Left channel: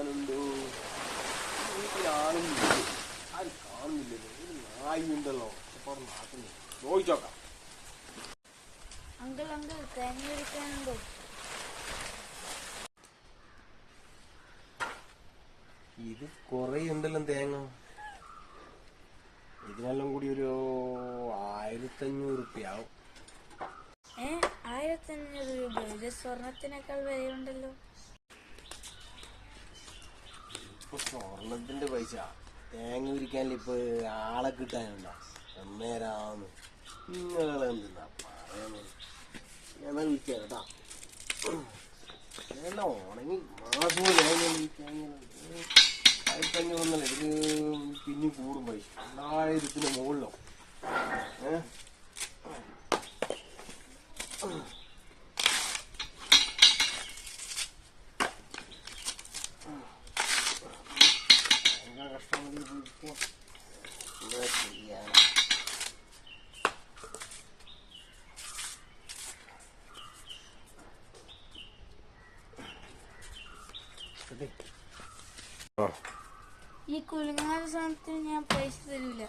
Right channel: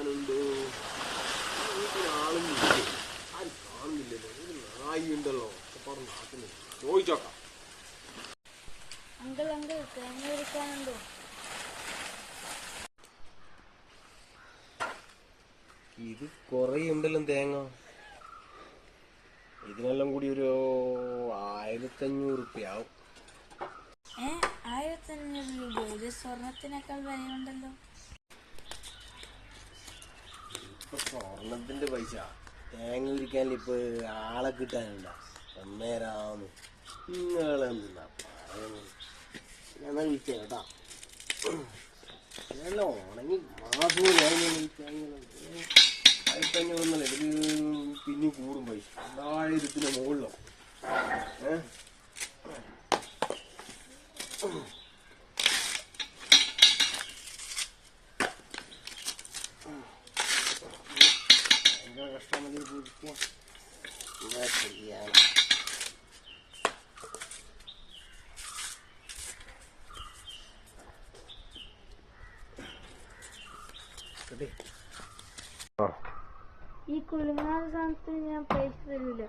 വരാനുണ്ടോ? വീട്ടിലാളും ആരും കാണുന്നില്ലല്ലോ. ഒരു നായി ഉണ്ടല്ലോ നാട്ടിൽ ചോദിച്ചോക്കാം. അങ്കിൾ അങ്കിൾ തേങ്ങ എടുക്കാനുണ്ടോ? ഇത് കൊറേ ഉണ്ടല്ലോ തേങ്ങ. ഇതിനെല്ലാം കൂടി ഒരു 1500 റുപ്യ ആവും. 1500 രൂപ? ഇത് സ്വർണത്തിനേക്കാൾ വിലയുണ്ടല്ലോ. ഇപ്പൊ സ്വർണത്തിന്റെ പൈസ തേങ്ങ ഇരിക്കാൻ ഇപ്പൊ ആളെ കിട്ടാനില്ല. എന്നേരാന്ന് നിങ്ങളെന്താ ഞാൻ വിളിച്ച കേട്ടാ. ഉണങ്ങി മാസവും തേങ്ങ 1500 ഇതിന് പിന്നെ കൂടും പൈസ 2000 മുകളിലോ. എന്താ കഷ്ടം എന്താ ചെയ്യാൻ? ഈ കുലുങ്ങാൻ സാധനത്തിന് ഞാൻ പൈസ തരൂല.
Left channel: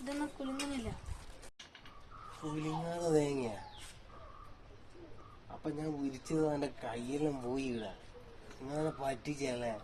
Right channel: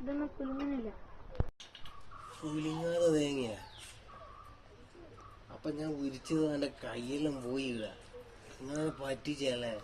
ഇതൊന്നും കുലുങ്ങുന്നില്ല. കുലുങ്ങാതെ തേങ്ങയാ? അപ്പൊ ഞാൻ വിരിച്ചത് എന്റെ കയ്യെല്ലാം പോയി. ഇങ്ങനെ പറ്റിച്ചല്ലേ?